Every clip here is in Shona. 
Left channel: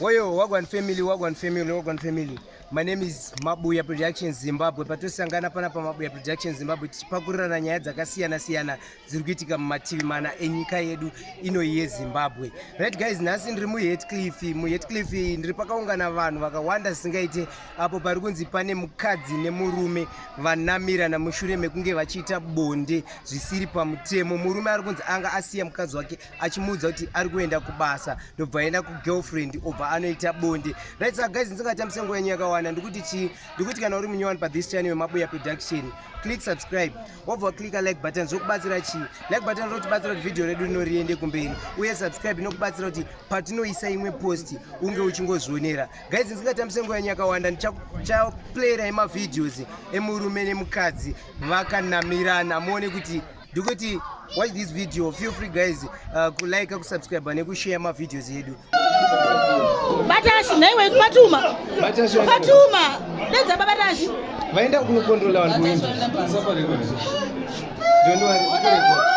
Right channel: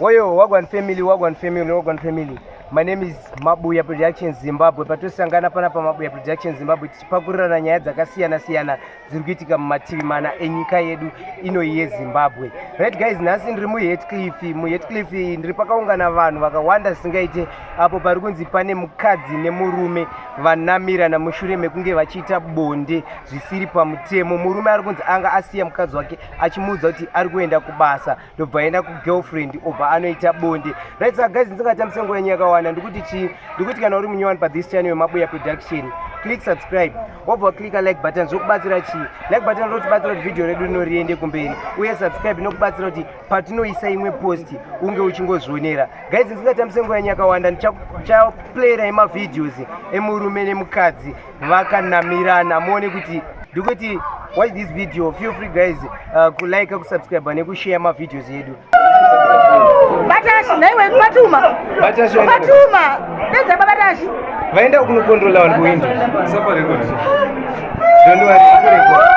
Oyo Wagwan family. My name is Mabuya Productions Zimbabwe. Patusangana panapa Mabuya Productions Zimbabwe tichipakurira nyaya dzakasiyana dziri kuitika mumativi mana enyika yedu ino yeZimbabwe. Right guys, nhasi ndiri muHeathcliff ndiri pakaungana vanhu vakawanda singaite apo pari kunzi pane mukadzi nemurume vanamirana mushure mekunge vachiita bonde zvisiri pamutemo. Murume ari kunzi anga asiya mukadzi wake achimuudza kuti ari kuenda kubasa ndobva aenda kugirlfriend obva anoita bonde. Right so guys, ndisingati musengo wenyu yakawanda ndikuti kana uri munyowani pa this channel yeMabuya Production, click subscribe wobva click like button zvokubatsira like button rotibatsira kuti video redu rino riende kumberi, uye subscribe inokubatsira kuti patinoisa imwe post unge uchingozvionera. Guys, ndisingati musengo wenyu yakawanda ndichaplayera emavideos emurume nemukadzi vakanamirana muone kuti ndikuti watch this video. Feel free guys kulike, kusubscribe nekushare mavideos yedu. Batashi naiwe Patuma. Nenza Batashi. Vaenda kunokontrola vanhu kuenda. Sapa record. Don't worry, record.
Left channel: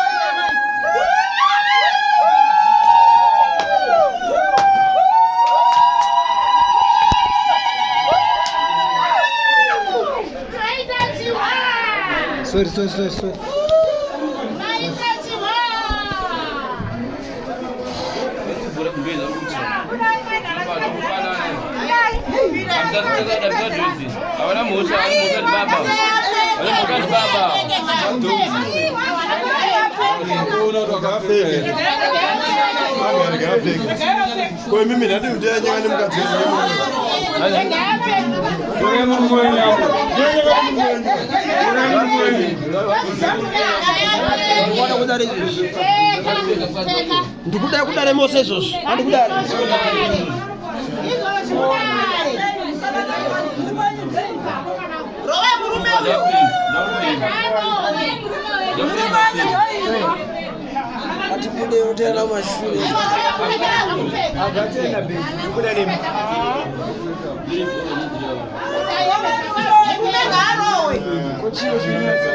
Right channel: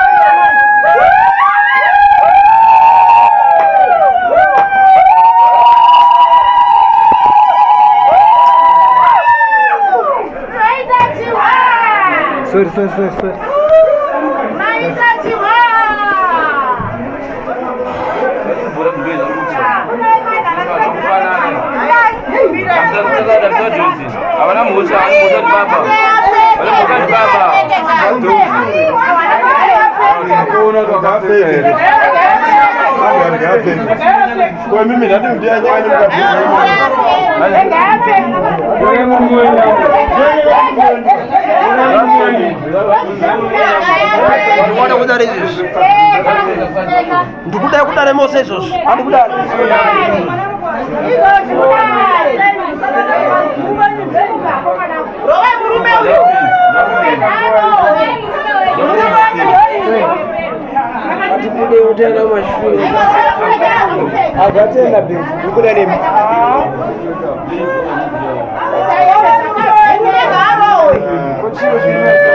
Sorry. Ndikuda kudare mose izvozvo andikuda Rowe murume uyu. atibude utenda mashule Agatenda bintu ndikuda nemi. Rowe murume uyu.